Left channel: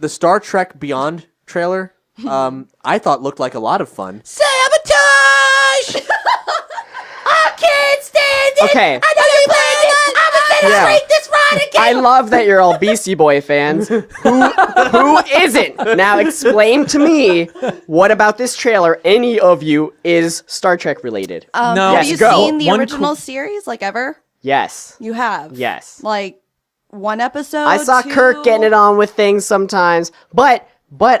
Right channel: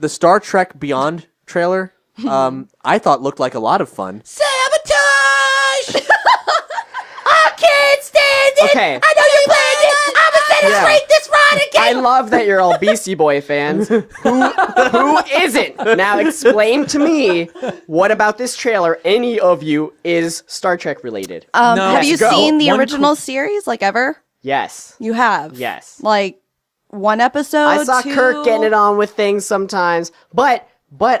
the Star Trek Beyond trailer, I thought looked like a lot of fun. Sabotage! I can't stand it! Okay. I know you planned it! I'm gonna celebrate this ride again! I love that you're all Beastie Boy fans. Who isn't? Now explain to me, what about this trailer, any of you, is Star Trek related? No. Yes, Have you go. seen the One original series, like, ever? Yes. You have? Yes. Like, one episode, I saw two? Kirk getting it on with things sometimes, but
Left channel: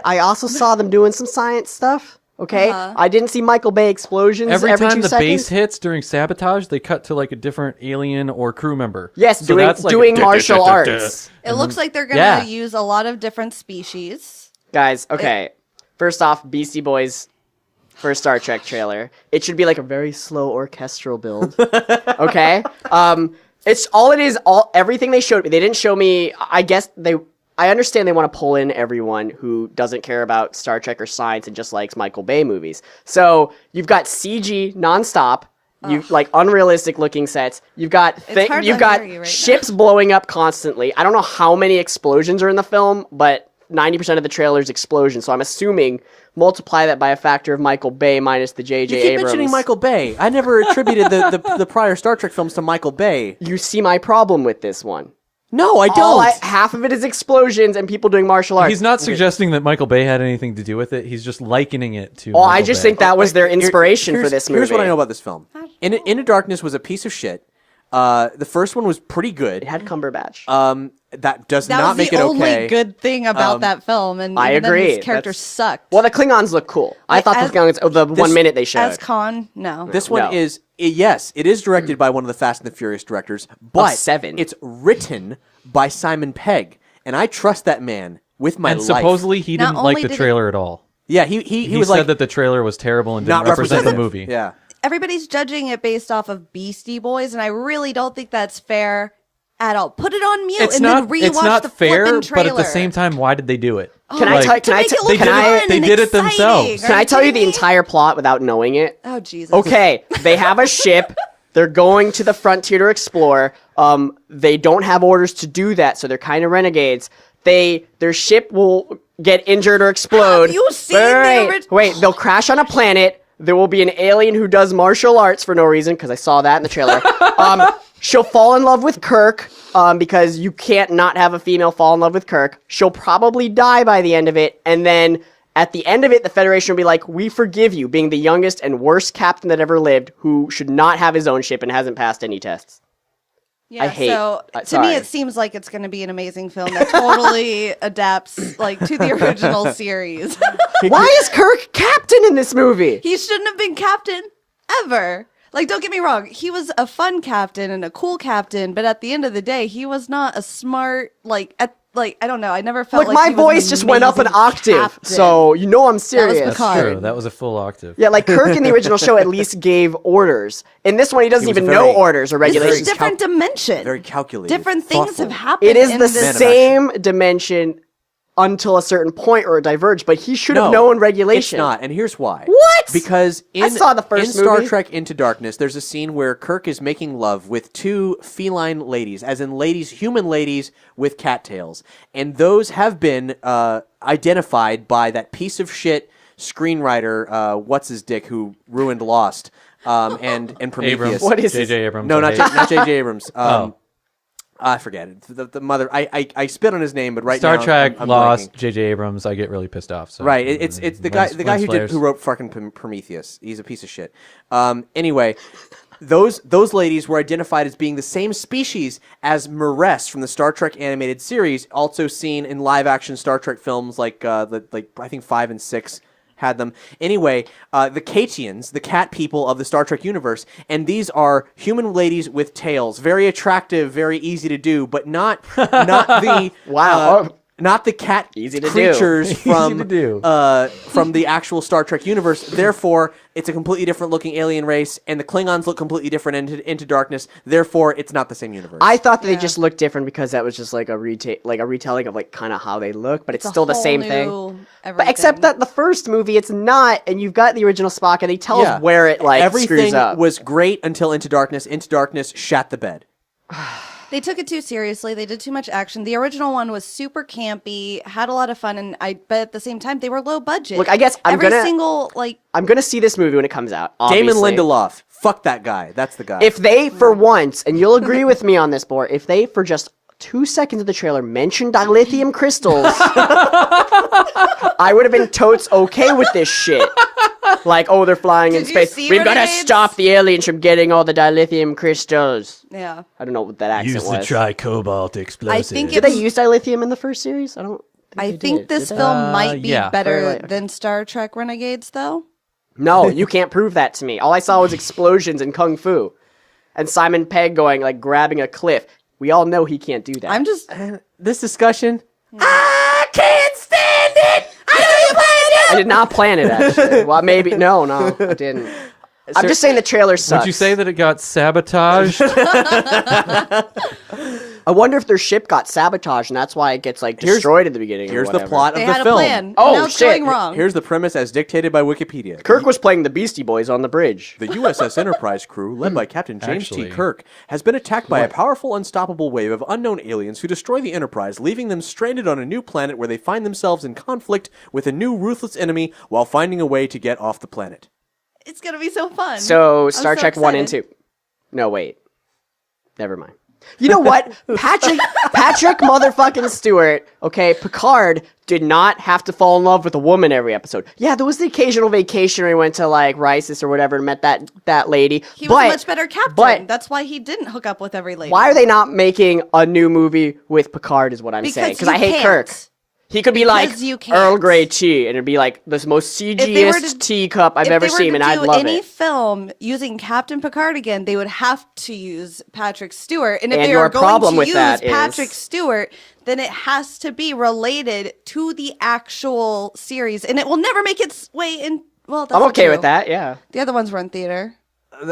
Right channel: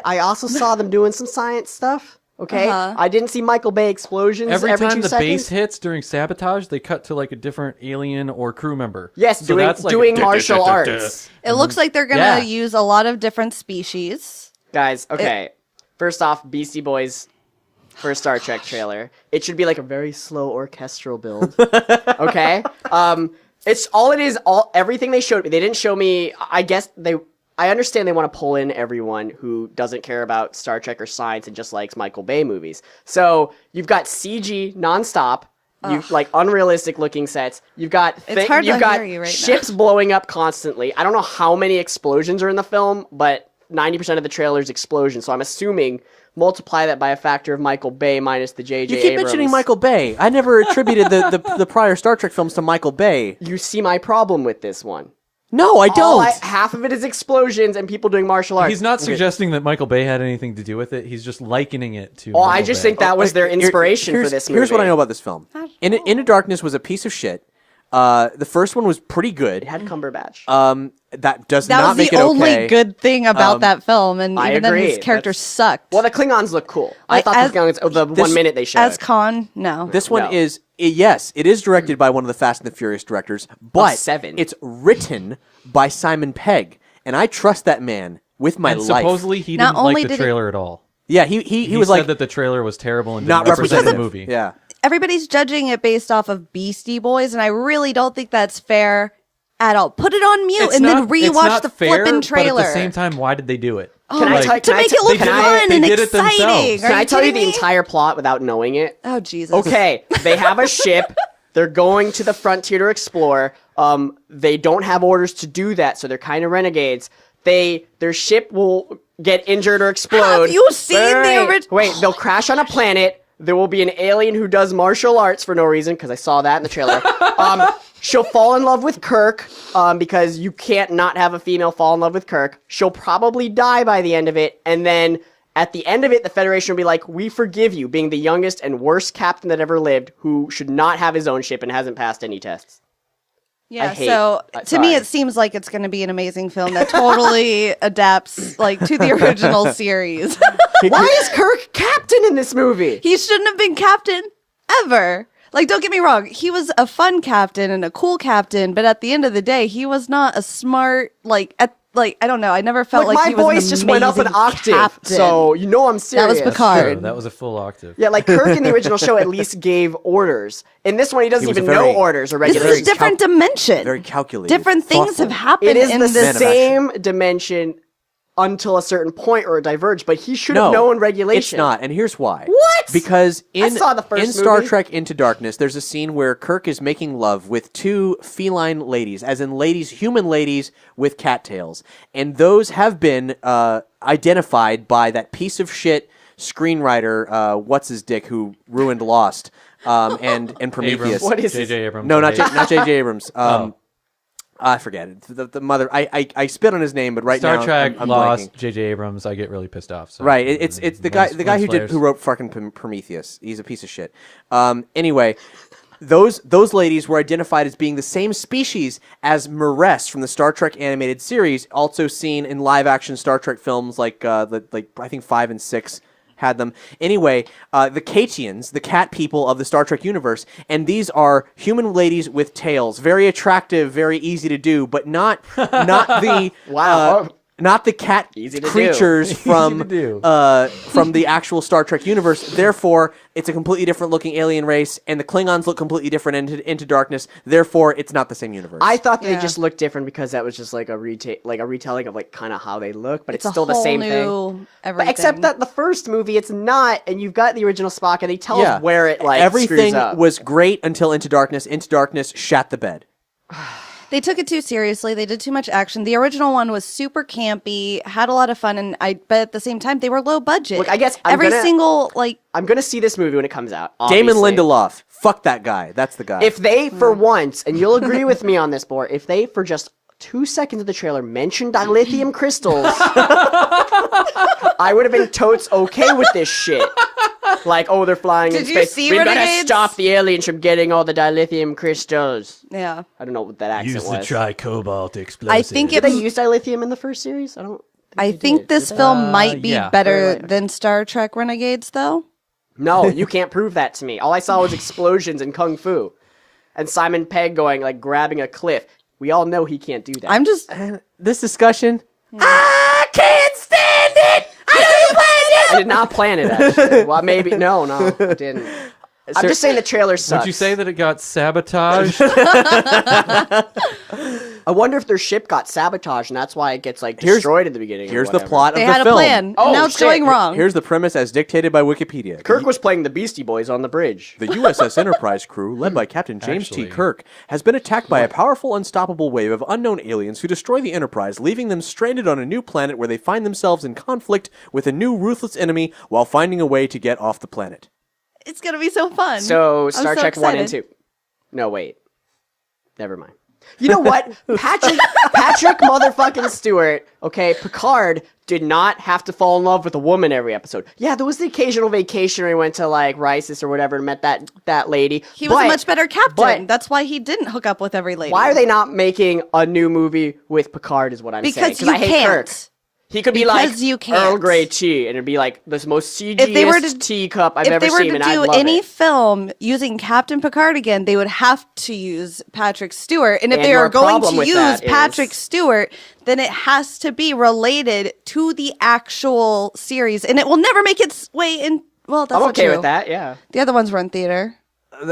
I also saw them doing some science stuff. Okay, I didn't see Michael Bay explosions every Every 2 time the seconds. bass hits during Sabotage, they cut to like a different alien or crew member. Yes, So that's like doing a martial arts. It looks like they're going to use a lot of different species. Guys, okay. First off, Beastie Boys first Star Trek trailer. It should be like a very slow orchestral build. Okay? It's all it is, everything they showed me. They didn't show me, I understand they want to pull in everyone who doesn't care about Star Trek or science and just likes Michael Bay movies. So you've got CG nonstop, you've like unrealistic looking sets. You've got ships blowing up constantly. I don't know how many explosions are in the film, but 90% of the trailer is explosions. So I'm assuming multiply that by a factor of Michael Bay minus the J.J. You keep Abrams. mentioning Michael Bay. I never attributed the prior Star Trek films to Michael Bay. You see my problem with this one. No, I don't. Half of it is explosions and people doing martial arts. He's not suggesting that Michael Bay had anything to do with it. He's just likening it to. I just think that was their inspiration for this movie. Here's what I know about this film. Into Darkness was a piece of shit. The first one was pretty good. It had Cumberbatch. That does That not was make the it only okay. good thing about that film, and I even then agree. his character sucked. Well, the Klingons look cool. I Like, thought as- the Klingons, the 1 minute they showed. As Khan, no. This one No. is yes, it is directed by one of the Fast and the Furious directors, but 7. it's written by Simon Pegg, and I trust that man with my And life. supposedly he Not didn't only like the did it- trailer at all. Yeah, he He was said like that the trailer was terrible and not didn't represent the representative. movie. Yeah. Everybody's judging it based off of Beastie Boys, and I really don't think that's fair at all. Put it on mute and then it's rewatch not the fair, flippin' trailer. But at the same time, why did they do it? Can I tell- to make it they look did it- fun they and did it exciting. themselves. Are Can I tell you the kidding me? entire plot without knowing it? Oh, Jesus. Okay, they have a ship. They're going to the frontier to explore. They don't have orders to do that, so they're kind of renegades. Their ship will get injured or explode. Have you seen the original? Wait, they'll crash on a planet. There will be an alien who does martial arts for no reason, because I saw that in the trailer. She'll fall in love with Kirk, because you can't not have a female fall in love with Kirk. She'll probably die by the end of it, and then at the end of it, the Federation will be like, we forgive you, being the youngest and worst captain that ever lived, who should not have his own ship and hasn't passed any tests. Yeah, hate- so to sorry. me, it seems like it's going to be an amazing film that totally adapts like to the original series. Why is Kirk captain in this movie? He shouldn't have been captain ever. Like, don't get me wrong. He was a fun captain and a cool captain, but at the end of the day, he was not a smart, I don't know. I never felt Like, like my he was voice an just went up an amazing octave, captain. so you know I'm serious. Picard. True, that was a full octave. Yeah, like Kirk in the original show at least gave orders. In this one, he doesn't He was even a very- know orders or This is a regulations. different dimension. Very calculated. Different things thoughtful. have happened It is in the this. same dimension until a certain point or diverge, but he should have No, known regulation. It's not, and here's why. What? Because in saw the first in Star movie. Trek Into Darkness, there's a scene where Kirk is making love with two feline ladies, as in ladies, human ladies with cattails, and those have been identified by that piece of shit screenwriter, what's his dick, who ruined Lost, and Prometheus. Abrams. What is J.J. this? Abrams. No, I not hate. not J.J. Abrams. Oh. I forget it. The mother. I spit on his name, but right Star now Trek, I'm Lost, blanking. J.J. Abrams. I get really pissed off. So. Right. It's the guy Lens who wrote fucking Prometheus. He's a piece of shit. Anyway, those ladies were identified as being the same species as Maress from the Star Trek animated series, also seen in live action Star Trek films like I think 5 and 6 had them. Anyway, the Katians, the cat people of the Star Trek universe, and these are human ladies with tails, very attractive, very easy to do, but not the Wow. not the cat Easy to do. creatures from to do. From the actual Star Trek universe. Therefore, it's a completely different looking alien race, and the Klingons look completely different into Darkness. Therefore, it's not the same universe. I thought that they Yeah. just looked different because that was just like a retelling of like kind of how they look, but it's a still the whole same new thing. But everything. except that the first movie, it's not, and you've got the original Spock, and they tell us where it like everything screws up. was great until Into Darkness. Into Darkness shat the bed. They took it too seriously. They did too much action. The original one was super campy, had a lot of fun, but at the same time, they were low budget. Look, I guess I'm every gonna- single like. I'm gonna see this movie when it comes out. Damon Obviously. Lindelof. Fuck that guy. That's the guy. If they, for once, and you'll agree with me on this, Boar, if they, for just 2 seconds of the trailer, mentioned dilithium crystals, I would have been totes okay with this shit. Like, oh, they're flying in Did you space. see We've got to Renegades? stop the aliens from getting all the dilithium crystals. Yeah. I don't know what that accent was. tricobalt explosive. I think Did they use dilithium in the first series? I don't. I think this film might be yeah. better than Star Trek Renegades, though. No, you can't prove that to me. All I saw was explosions and kung fu, and Simon Pegg going like grabbing a cliff. We all know he can't do that. I'm just. this discussion. I can't stand it. I know you planned it. I did not plan it, actually. Well, maybe. No, I didn't. I'm just saying the trailer sucks. Would you say that it got sabotaged? I wonder if their ship got sabotaged, and that's why it gets like destroyed at the beginning. Here's or the whatever. plot They of the had a film. plan. Oh, now it's shit. going wrong. Here's the premise as dictated by Wikipedia. Kirk was playing the Beastie Boys on the bridge. The USS Enterprise crew, led by Captain James T. Actually- Kirk, has been attacked by a powerful, unstoppable wave of unknown aliens who destroy the Enterprise, leaving them stranded on a new planet where they find themselves in conflict with a new ruthless enemy while finding a way to get off the planet. It's gonna be so fun. So I'm Star so Trek 1 and excited. 2. No, wait. Never mind. You know what? Patrick motherfucking Stewart, okay, Picard did not have to fall in love with a woman every episode. Yeah, there was the occasional vacation where he went to like Rices or whatever and met that lady. He was but a much better captain. but- That's why he didn't hook up with every lady. Why are they not making a new movie with Picard is what I'm saying. Because Because you I hate can't. Kirk. He could be like Because you can't. Earl Grey tea, and it'd be like the most If they were CGiest to- teacup I've if ever they were seen, to and I'd do love any it. film using Captain Picard again, they would have to use Patrick Stewart. And if And they your are going problem to with use that is- Patrick Stewart, then it has to be related to the actual series, and it will never make its way in. Well, that's I'm not okay true. with that, yeah. The other ones were in theater.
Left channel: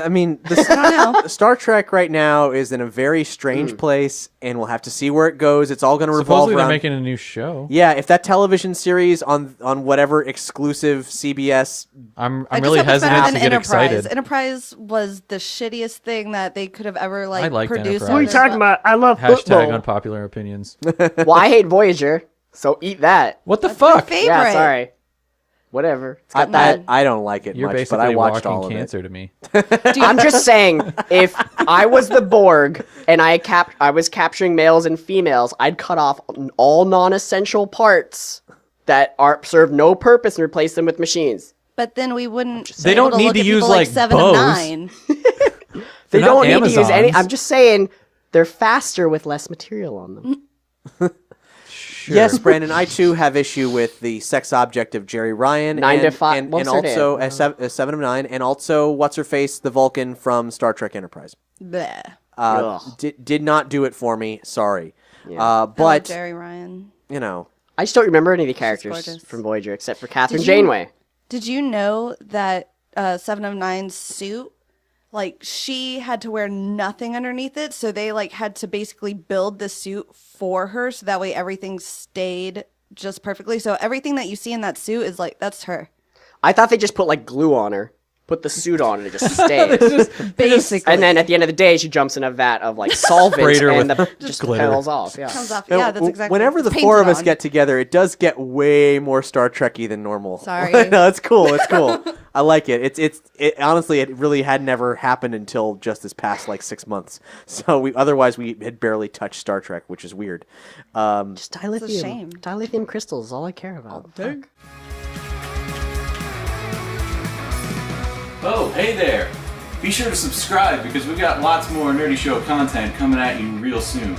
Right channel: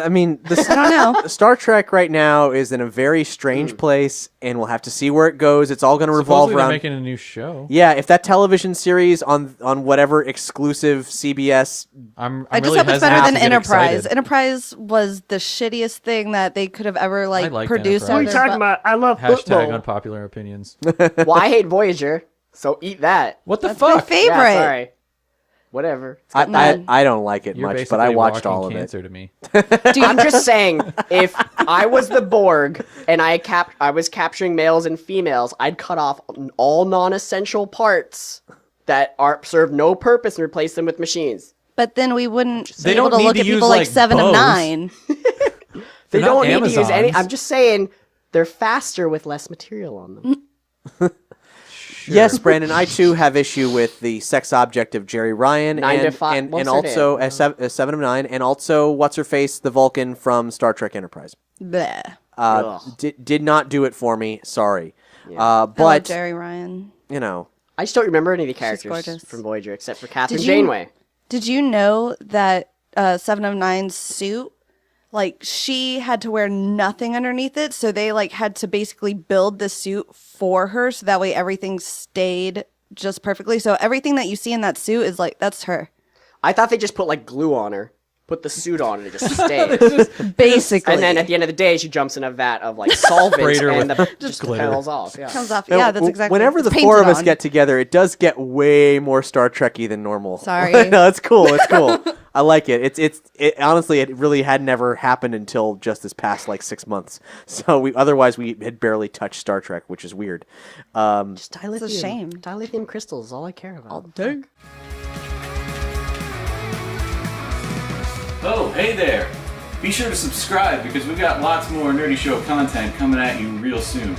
I mean, I don't know. Star Trek right now is in a very strange place, and we'll have to see where it goes. It's all going to revolve Supposedly they're around. making a new show. Yeah, if that television series on whatever exclusive CBS, I'm I just really hope it's better hesitant than to get Enterprise. excited. Enterprise was the shittiest thing that they could have ever I liked produced. Enterprise. What are you about? I love Hashtag unpopular opinions. Well, I hate Voyager, so eat that. What the My fuck? favorite. Yeah, sorry. Whatever. It's got that. I don't like it You're much, basically but I watched walking all of cancer to me. I'm just saying, if I was the Borg and I was capturing males and females, I'd cut off all non-essential parts that serve no purpose and replace them with machines. But then we wouldn't They be able don't to need look to at use, people like like, 7 bows. of 9. They They're not don't need to use any. Amazons. I'm just saying, they're faster with less material on them. Yes, Brandon, I too have issue with the sex object of Jerry Ryan 9 to 5 and what's her also name? a 7 of 9, and also what's her face, the Vulcan from Star Trek Enterprise. Bleh. Ugh. Did not do it for me. Sorry, Hello, but Jerry Ryan. you know, I just don't remember any of the characters gorgeous. from Voyager except for Catherine Did you- Janeway. Did you know that 7 of 9's suit, like, she had to wear nothing underneath it, so they, like, had to basically build the suit for her, so that way everything stayed just perfectly. So everything that you see in that suit is, like, that's her. I thought they just put like glue on her, put the suit on, and it just stayed. Basically. And then at the end of the day, she jumps in a vat of like solvent, Sprayed her and with the just glitter. petals off. Yeah. comes off. Now, Yeah, that's exactly. Whenever the it's four of painted us on. get together, it does get way more Star Trek-y than normal. Sorry. No, it's cool. It's cool. I like it. It honestly, it really had never happened until just this past like 6 months. So otherwise we had barely touched Star Trek, which is weird. Just dilithium. It's a shame. Dilithium crystals is all I care about. Oh, hey there! Be sure to subscribe because we've got lots more Nerdy Show content coming at you real soon.